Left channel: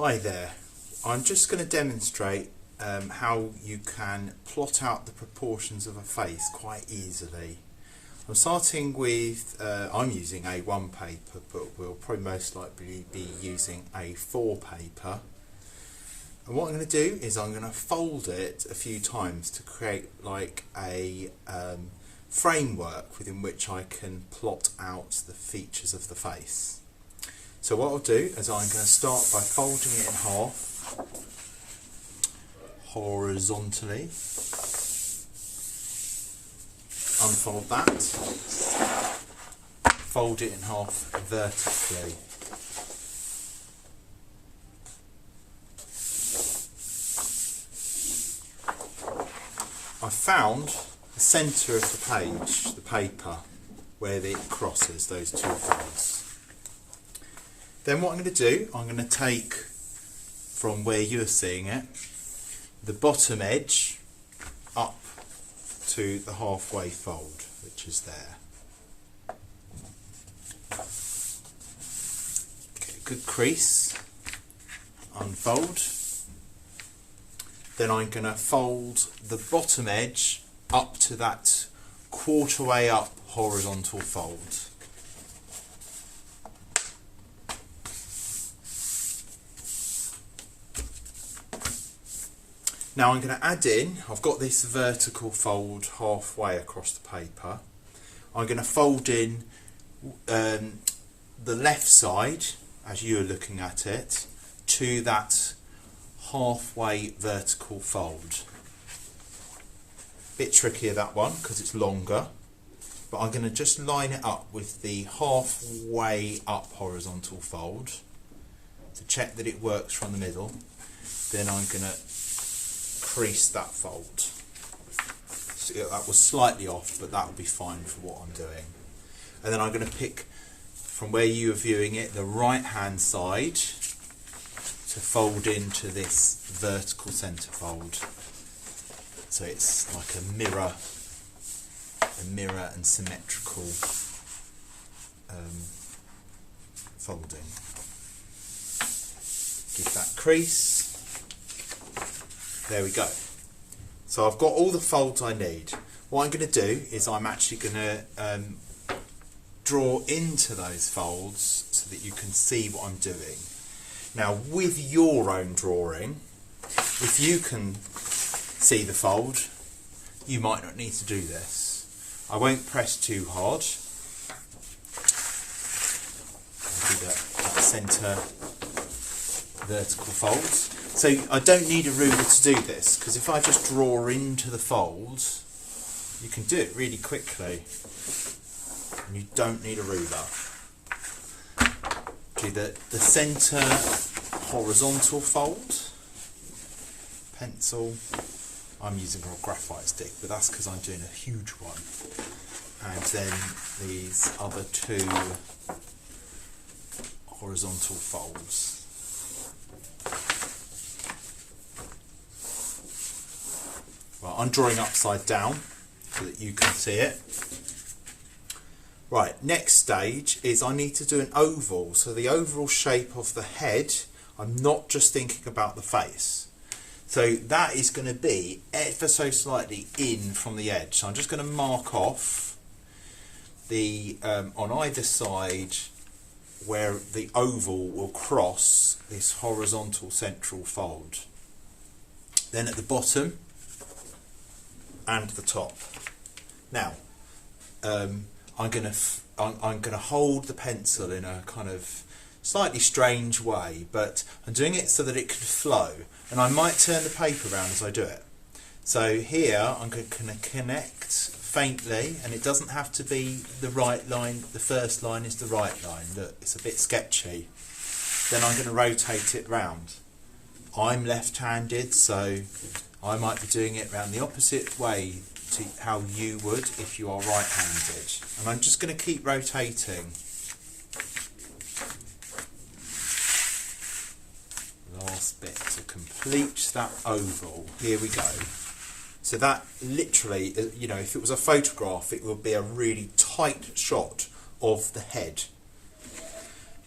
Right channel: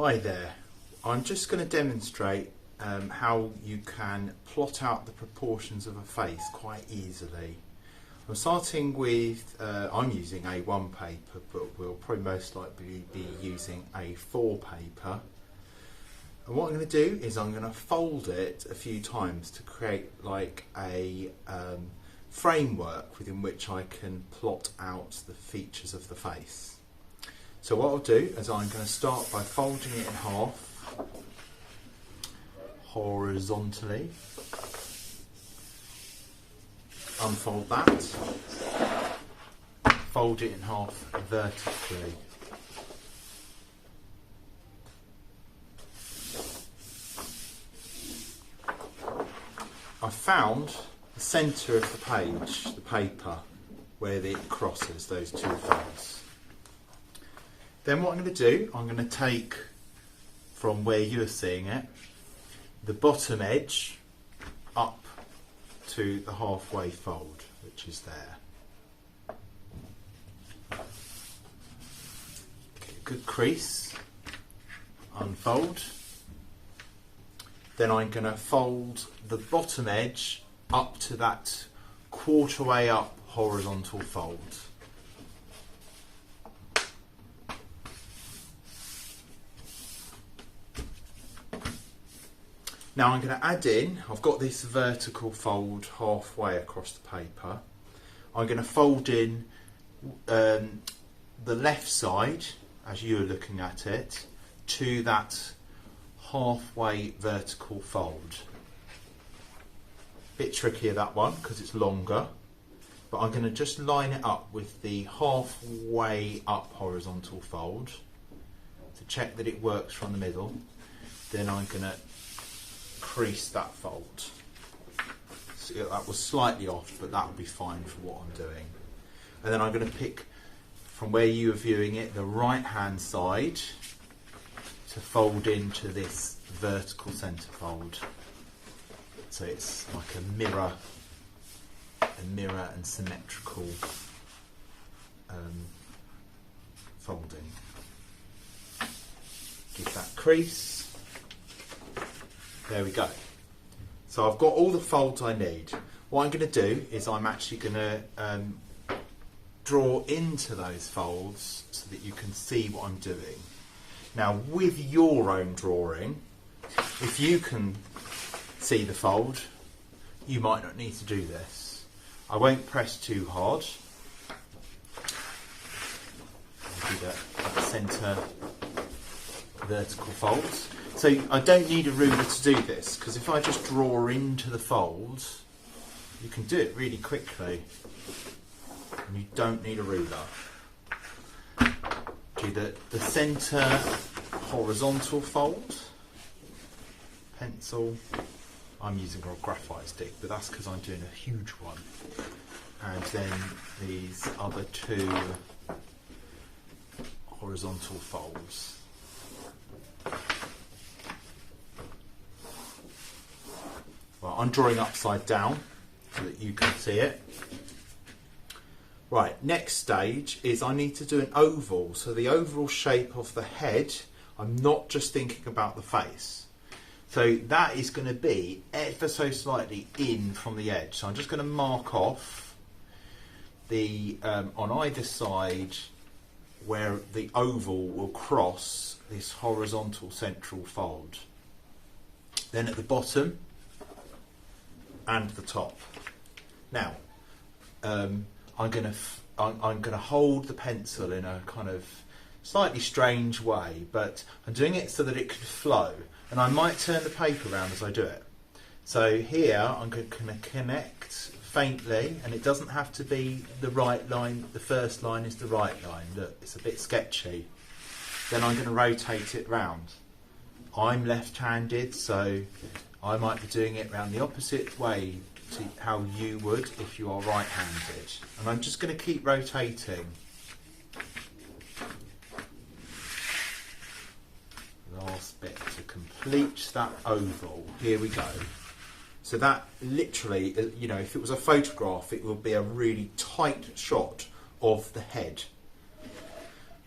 Hi there, I'm just going to demonstrate how you can plot out the proportions of a face quite easily. I'm starting with, I'm using A1 paper, but we'll probably most likely be using A4 paper. And what I'm going to do is I'm going to fold it a few times to create like a framework within which I can plot out the features of the face. So what I'll do is I'm going to start by folding it in half, horizontally, unfold that, fold it in half vertically. I found the centre of the page, the paper, where it crosses those two folds. Then what I'm going to do, I'm going to take from where you're seeing it, the bottom edge up to the halfway fold, which is there. Okay, good crease, unfold. Then I'm going to fold the bottom edge up to that quarter way up horizontal fold. Now I'm going to add in, I've got this vertical fold halfway across the paper. I'm going to fold in the left side, as you're looking at it, to that halfway vertical fold. Bit trickier that one because it's longer, but I'm going to just line it up with the halfway up horizontal fold to check that it works from the middle. Then I'm going to crease that fold. So that was slightly off, but that will be fine for what I'm doing. And then I'm going to pick from where you are viewing it the right hand side to fold into this vertical centre fold. So it's like a mirror and symmetrical folding. Give that crease. There we go. So I've got all the folds I need. What I'm going to do is I'm actually going to draw into those folds so that you can see what I'm doing. Now with your own drawing, if you can see the fold, you might not need to do this. I won't press too hard. I'll do that centre vertical folds. So I don't need a ruler to do this, because if I just draw into the folds, you can do it really quickly. And you don't need a ruler. Do the centre horizontal fold, pencil. I'm using a graphite stick, but that's because I'm doing a huge one. And then these other two horizontal folds. Right, I'm drawing upside down so that you can see it. Right, next stage is I need to do an oval. So the overall shape of the head, I'm not just thinking about the face. So that is going to be ever so slightly in from the edge. So I'm just going to mark off the on either side where the oval will cross this horizontal central fold. Then at the bottom and the top. Now I'm going to hold the pencil in a kind of slightly strange way, but I'm doing it so that it can flow, and I might turn the paper around as I do it. So here I'm going to connect faintly, and it doesn't have to be the right line. The first line is the right line. Look, it's a bit sketchy. Then I'm going to rotate it round. I'm left-handed, so I might be doing it round the opposite way to how you would if you are right-handed. And I'm just going to keep rotating. Last bit to complete that oval. Here we go. So that literally, you know, if it was a photograph, it would be a really tight shot of the head.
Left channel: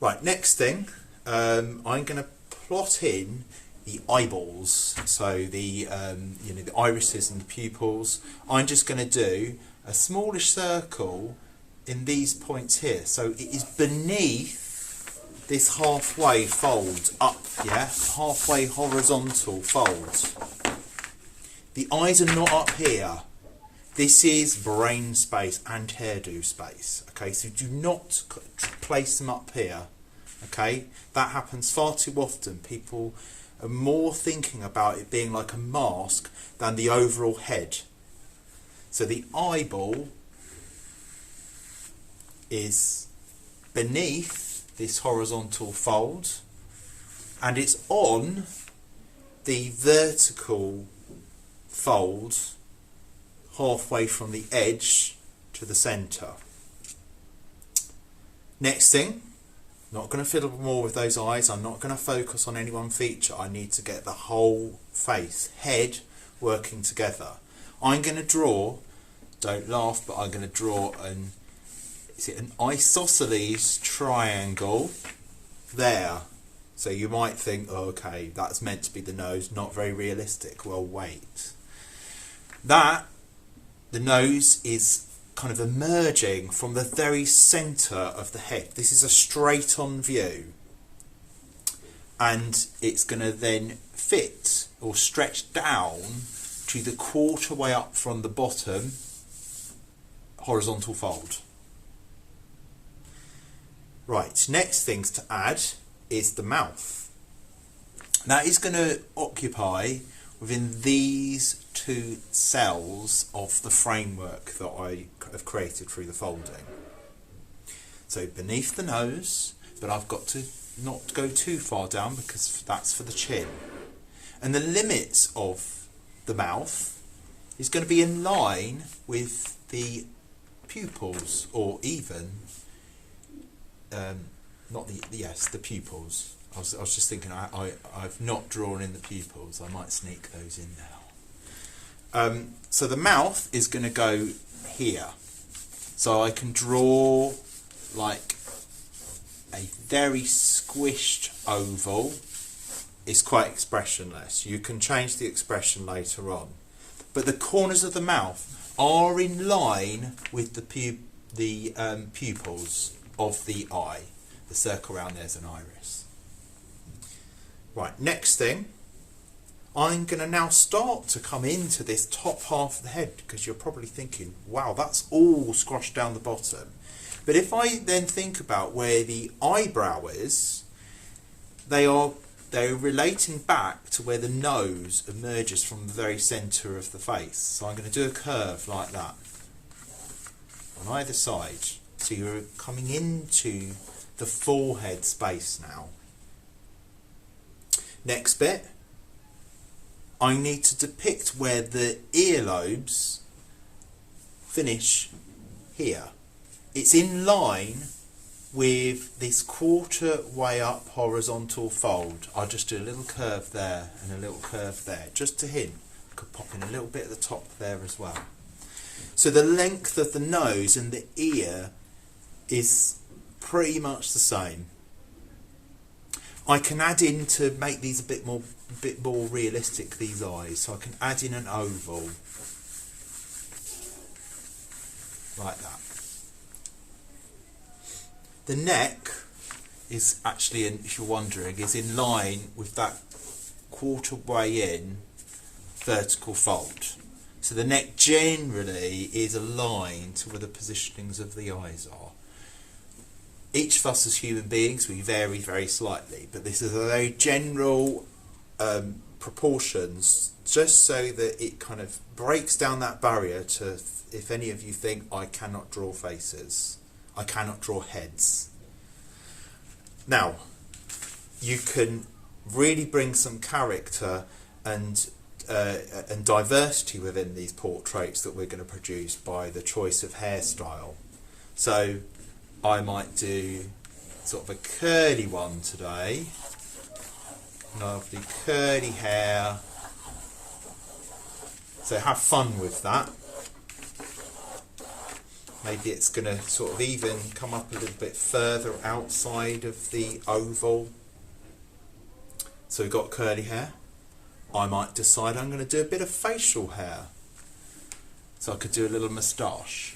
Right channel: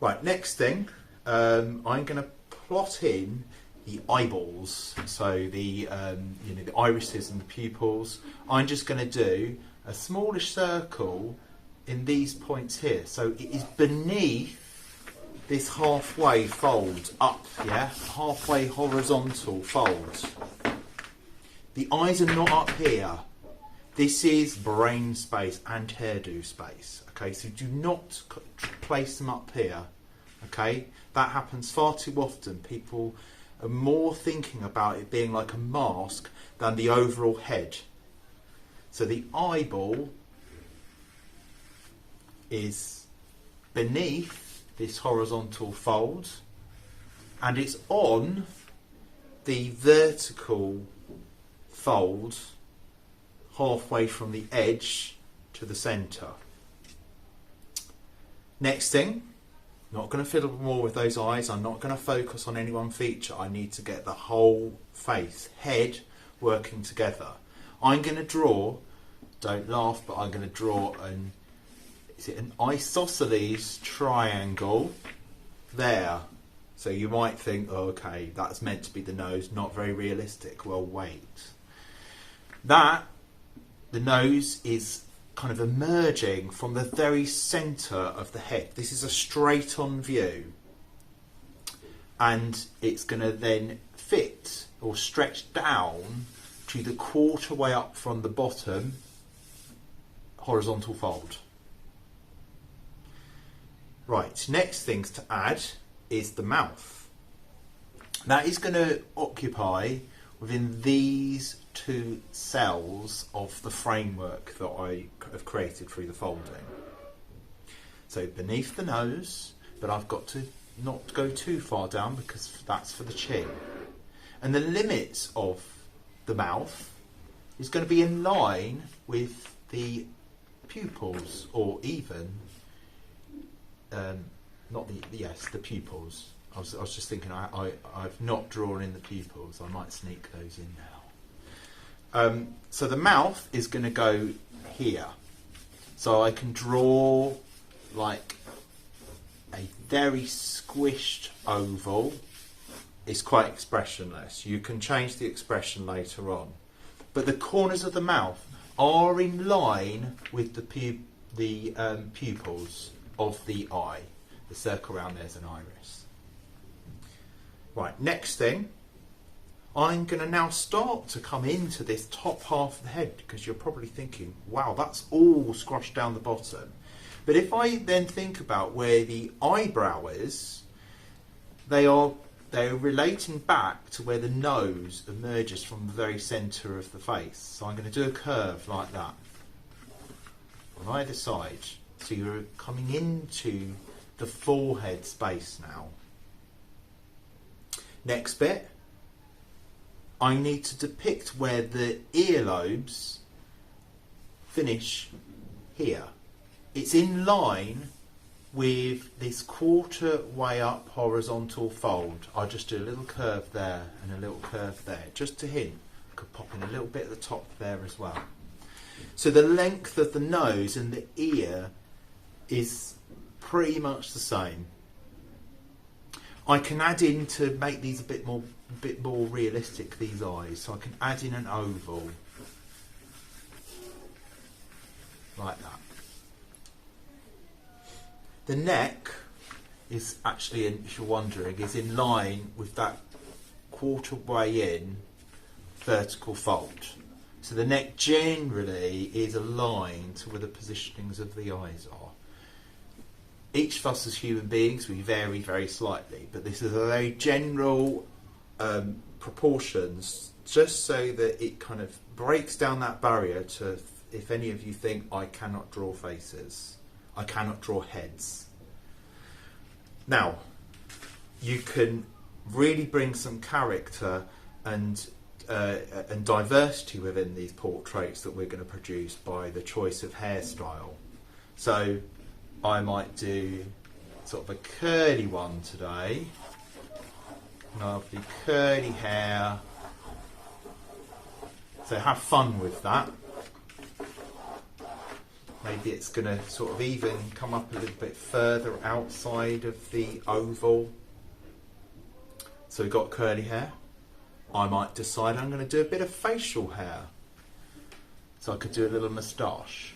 Right, next thing, I'm going to plot in the eyeballs, so the the irises and the pupils. I'm just going to do a smallish circle in these points here. So it is beneath this halfway fold up, yeah, halfway horizontal fold. The eyes are not up here. This is brain space and hairdo space. Okay, so do not place them up here. Okay, that happens far too often. People are more thinking about it being like a mask than the overall head. So the eyeball is beneath this horizontal fold and it's on the vertical fold halfway from the edge to the centre. Next thing, not going to fiddle more with those eyes. I'm not going to focus on any one feature. I need to get the whole face, head, working together. I'm going to draw, don't laugh, but I'm going to draw an isosceles triangle there. So you might think, oh, okay, that's meant to be the nose, not very realistic. Well, wait. The nose is kind of emerging from the very centre of the head. This is a straight on view and it's going to then fit or stretch down to the quarter way up from the bottom horizontal fold. Right, next things to add is the mouth. That is going to occupy within these two cells of the framework that I have created through the folding. So beneath the nose, but I've got to not go too far down because that's for the chin. And the limits of the mouth is going to be in line with the pupils, or even the pupils. I was just thinking I've not drawn in the pupils. I might sneak those in now. So the mouth is going to go here. So I can draw like a very squished oval. It's quite expressionless. You can change the expression later on. But the corners of the mouth are in line with the pupils of the eye. The circle around there's an iris. Right, next thing, I'm going to now start to come into this top half of the head, because you're probably thinking, wow, that's all squashed down the bottom. But if I then think about where the eyebrow is, they're relating back to where the nose emerges from the very centre of the face. So I'm going to do a curve like that on either side. So you're coming into the forehead space now. Next bit, I need to depict where the earlobes finish here. It's in line with this quarter way up horizontal fold. I'll just do a little curve there and a little curve there, just to hint. I could pop in a little bit at the top there as well. So the length of the nose and the ear is pretty much the same. I can add in to make these a bit more realistic, these eyes. So I can add in an oval like that. The neck is actually, if you're wondering, is in line with that quarter way in vertical fold. So the neck generally is aligned to where the positionings of the eyes are. Each of us as human beings, we vary very slightly, but this is a very general proportions, just so that it kind of breaks down that barrier to, if any of you think, I cannot draw faces, I cannot draw heads. Now, you can really bring some character and diversity within these portraits that we're going to produce by the choice of hairstyle. So I might do sort of a curly one today. Lovely curly hair. So have fun with that. Maybe it's going to sort of even come up a little bit further outside of the oval. So we've got curly hair. I might decide I'm going to do a bit of facial hair. So I could do a little moustache.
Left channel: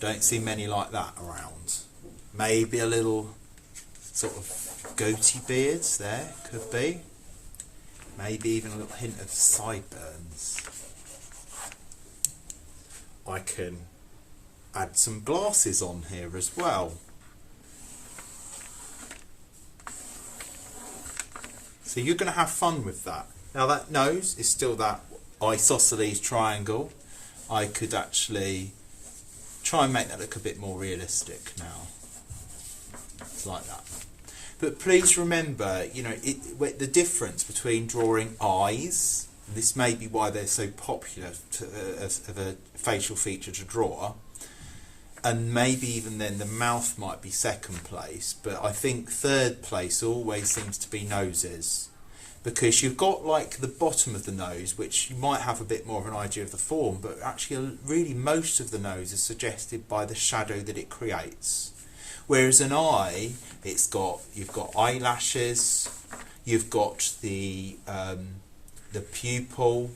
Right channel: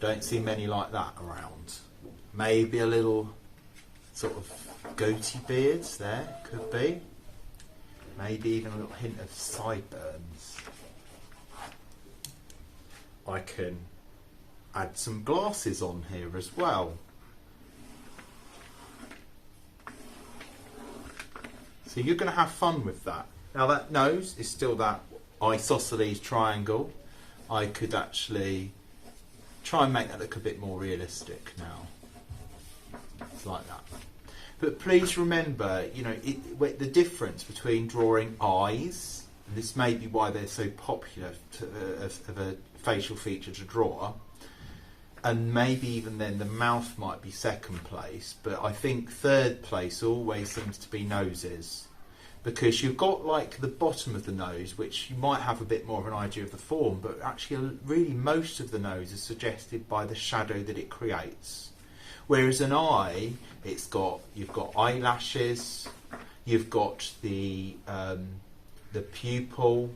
Don't see many like that around. Maybe a little sort of goatee beards there, could be. Maybe even a little hint of sideburns. I can add some glasses on here as well. So you're going to have fun with that. Now that nose is still that isosceles triangle. I could actually try and make that look a bit more realistic now. It's like that. But please remember, you know, the difference between drawing eyes, and this may be why they're so popular of a facial feature to draw, and maybe even then the mouth might be second place, but I think third place always seems to be noses, because you've got like the bottom of the nose, which you might have a bit more of an idea of the form, but actually really most of the nose is suggested by the shadow that it creates. Whereas an eye, you've got eyelashes, you've got the pupil,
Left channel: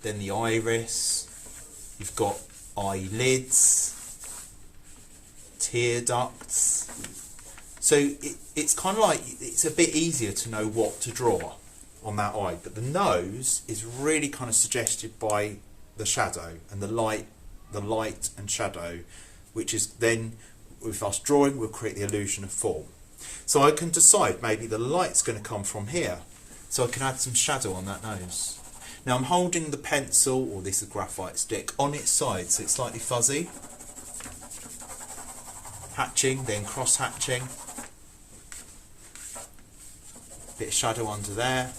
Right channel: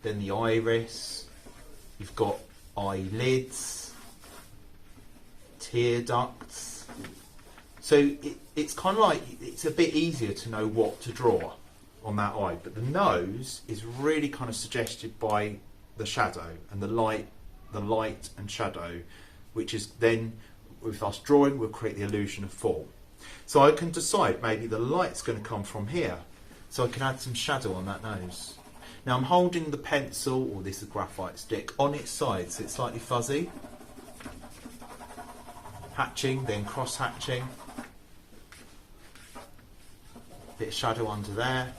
then the iris, you've got eyelids, tear ducts. So it's kind of like, it's a bit easier to know what to draw on that eye. But the nose is really kind of suggested by the shadow and the light and shadow, which is then, with us drawing, we'll create the illusion of form. So I can decide maybe the light's going to come from here. So I can add some shadow on that nose. Now I'm holding the pencil, or this is a graphite stick, on its side, so it's slightly fuzzy. Hatching, then cross hatching. Bit of shadow under there.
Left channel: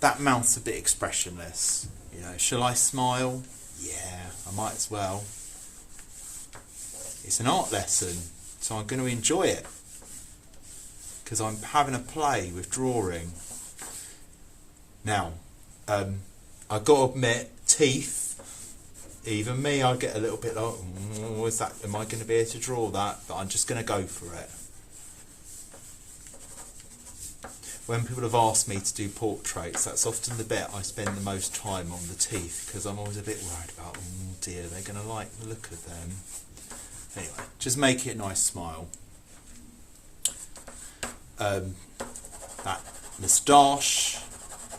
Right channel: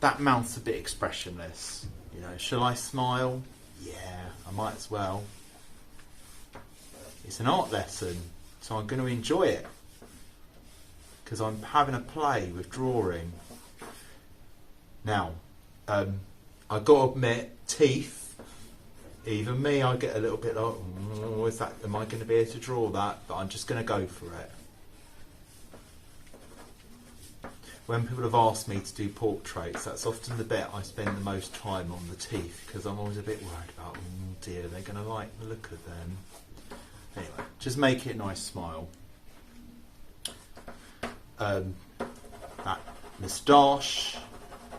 That mouth's a bit expressionless. You know, shall I smile? Yeah, I might as well. It's an art lesson, so I'm going to enjoy it because I'm having a play with drawing. Now, I've got to admit, teeth, even me, I get a little bit like, is that, am I going to be able to draw that? But I'm just going to go for it. When people have asked me to do portraits, that's often the bit I spend the most time on, the teeth, because I'm always a bit worried about, oh dear, they're going to like the look of them. Anyway, just make it a nice smile. That moustache,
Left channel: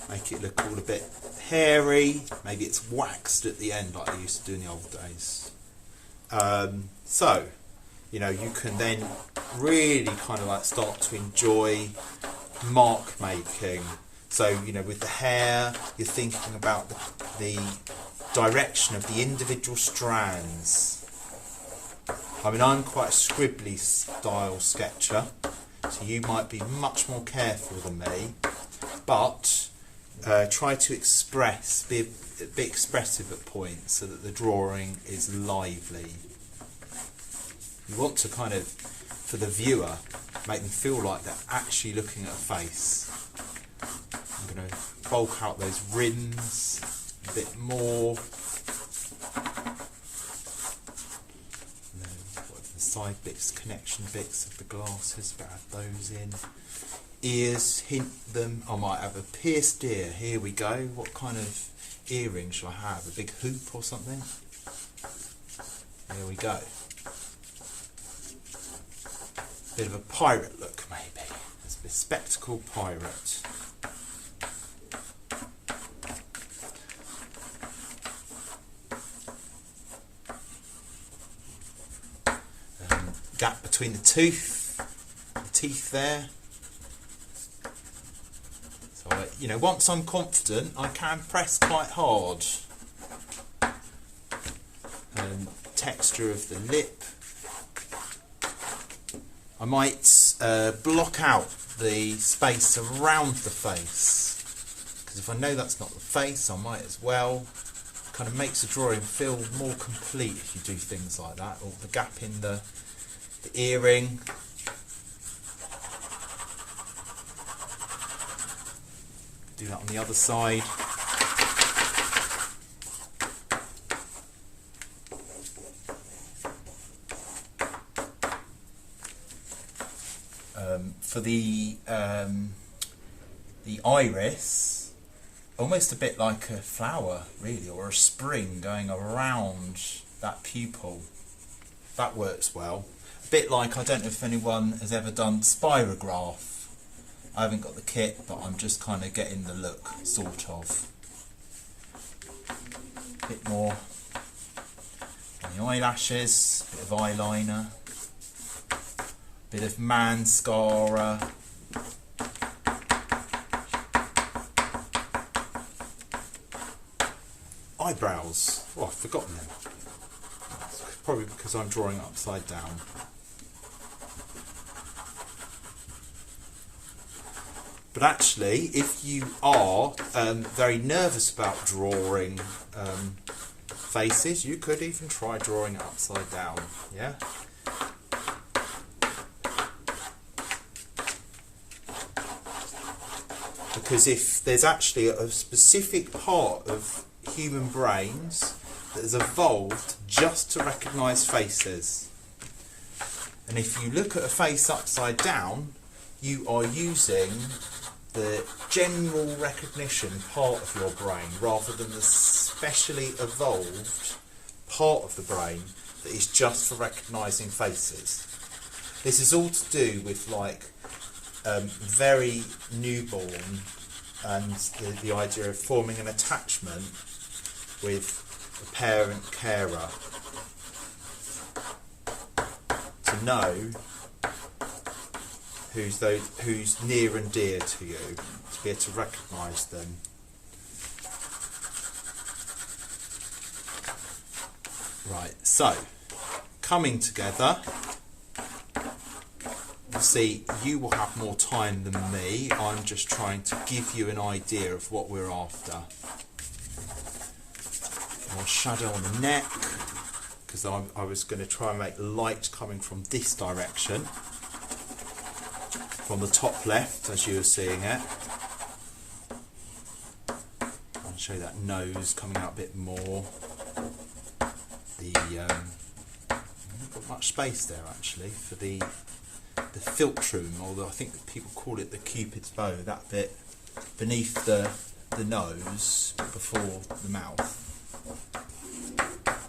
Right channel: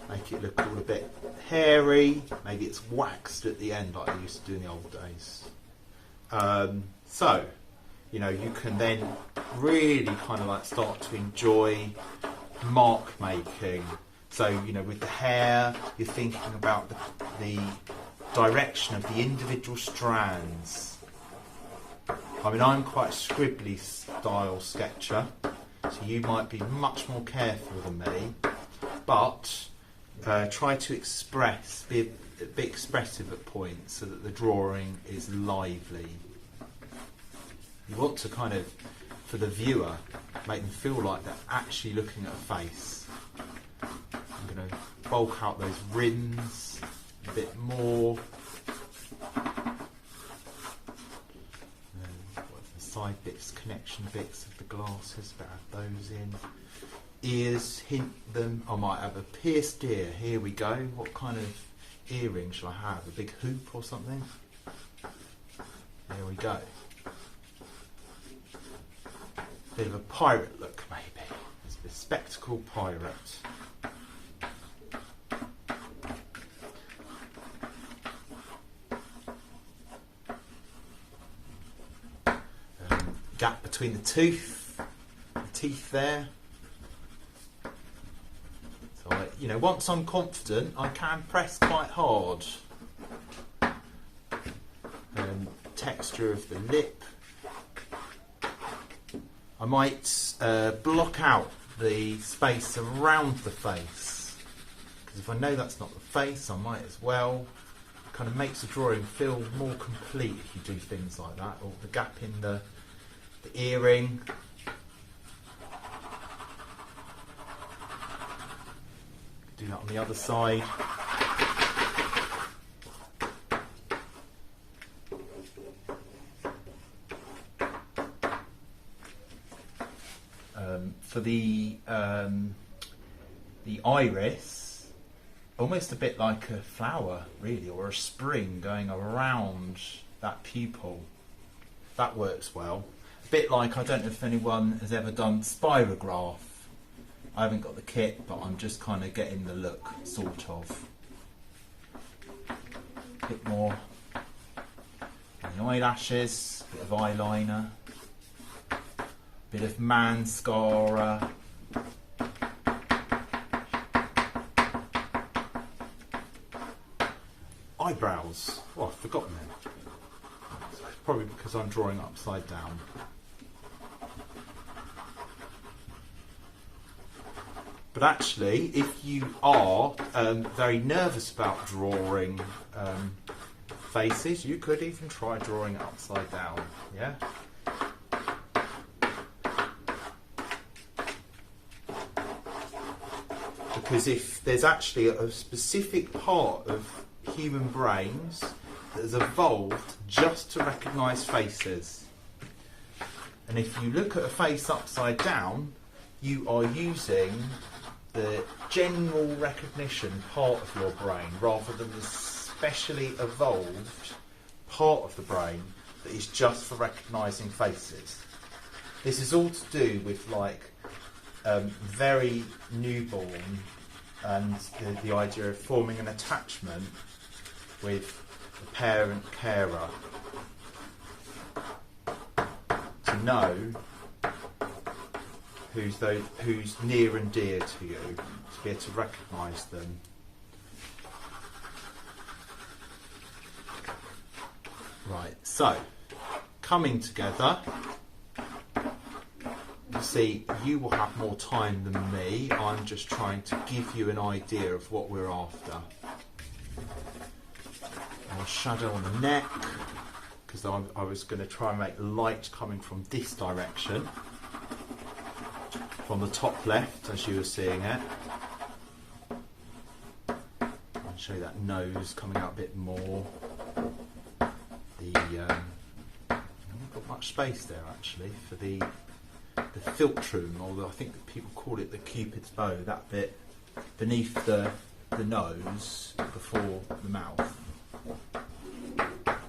make it look all a bit hairy. Maybe it's waxed at the end like I used to do in the old days. So, you know, you can then really kind of like start to enjoy mark making. So, you know, with the hair, you're thinking about the direction of the individual strands. I mean, I'm quite a scribbly style sketcher, so you might be much more careful than me, but try to express, be a bit expressive at points so that the drawing is lively. You want to kind of, for the viewer, make them feel like they're actually looking at a face. I'm going to bulk out those rims a bit more. Side bits, connection bits of the glasses, but add those in. Ears, hint them. I might have a pierced ear. Here we go. What kind of earring shall I have? A big hoop or something? There we go. Bit of a pirate look, maybe. It's a bespectacled pirate. Gap between the teeth there. So, you know, once I'm confident, I can press quite hard. Texture of the lip. I might block out the space around the face, because if I know that's not the face, I might as well. It kind of makes the drawing feel more complete if you do things like that, or the gap in the earring. Do that on the other side. For the iris, almost a bit like a flower, really, or a spring going around that pupil. That works well. A bit like, I don't know if anyone has ever done spirograph. I haven't got the kit, but I'm just kind of getting the look, sort of. A bit more on the eyelashes, a bit of eyeliner, a bit of mascara. Eyebrows. Oh, I've forgotten them. Probably because I'm drawing upside down. But actually, if you are very nervous about drawing faces, you could even try drawing it upside down. Yeah. Because if there's actually a specific part of human brains that has evolved just to recognise faces, and if you look at a face upside down, you are using the general recognition part of your brain rather than the specially evolved part of the brain that is just for recognising faces. This is all to do with like very newborn and the idea of forming an attachment with a parent carer to know who's near and dear to you, to be able to recognise them. Right, so coming together, you see, you will have more time than me. I'm just trying to give you an idea of what we're after. I'll shadow on the neck, because I was going to try and make light coming from this direction, from the top left as you were seeing it. I'll show you that nose coming out a bit more. Not got much space there actually for the philtrum, although I think that people call it the Cupid's bow, that bit beneath the nose before the mouth.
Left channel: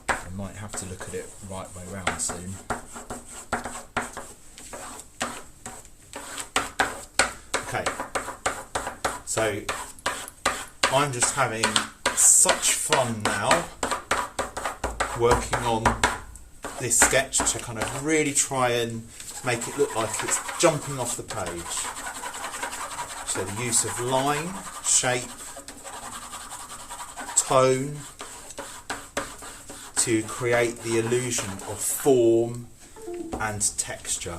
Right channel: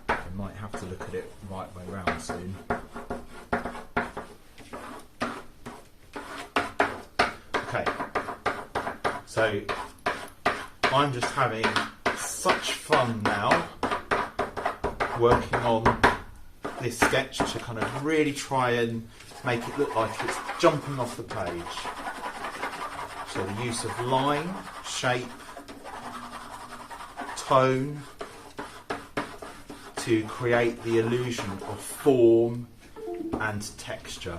I might have to look at it right way round soon. Okay, so I'm just having such fun now working on this sketch to kind of really try and make it look like it's jumping off the page. So the use of line, shape, tone to create the illusion of form and texture.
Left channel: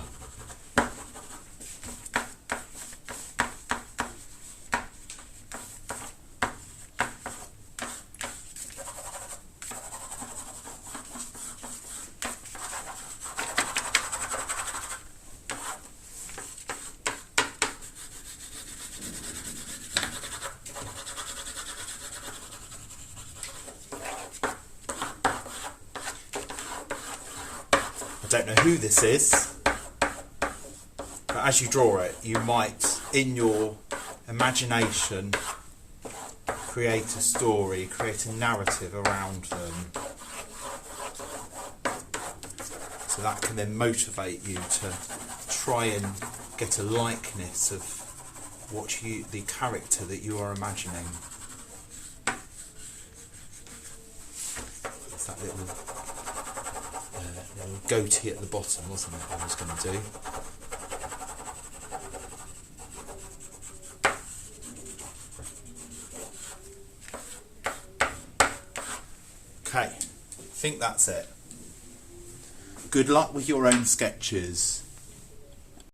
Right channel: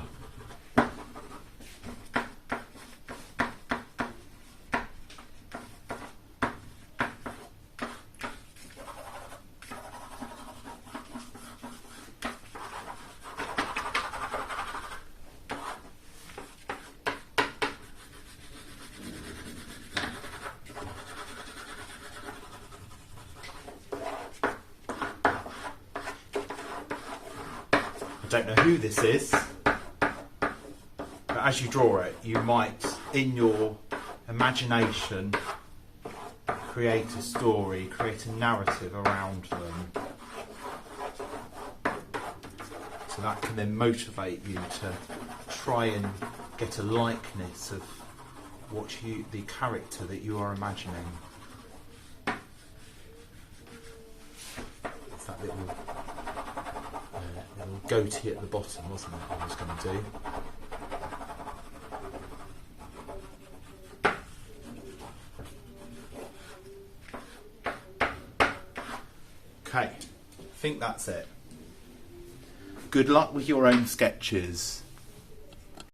I don't know who this is, but as you draw it, you might, in your imagination, create a story, create a narrative around them. So that can then motivate you to try and get a likeness of the character that you are imagining. It's that little goatee at the bottom, wasn't it, I was going to do. Okay, I think that's it. Good luck with your own sketches.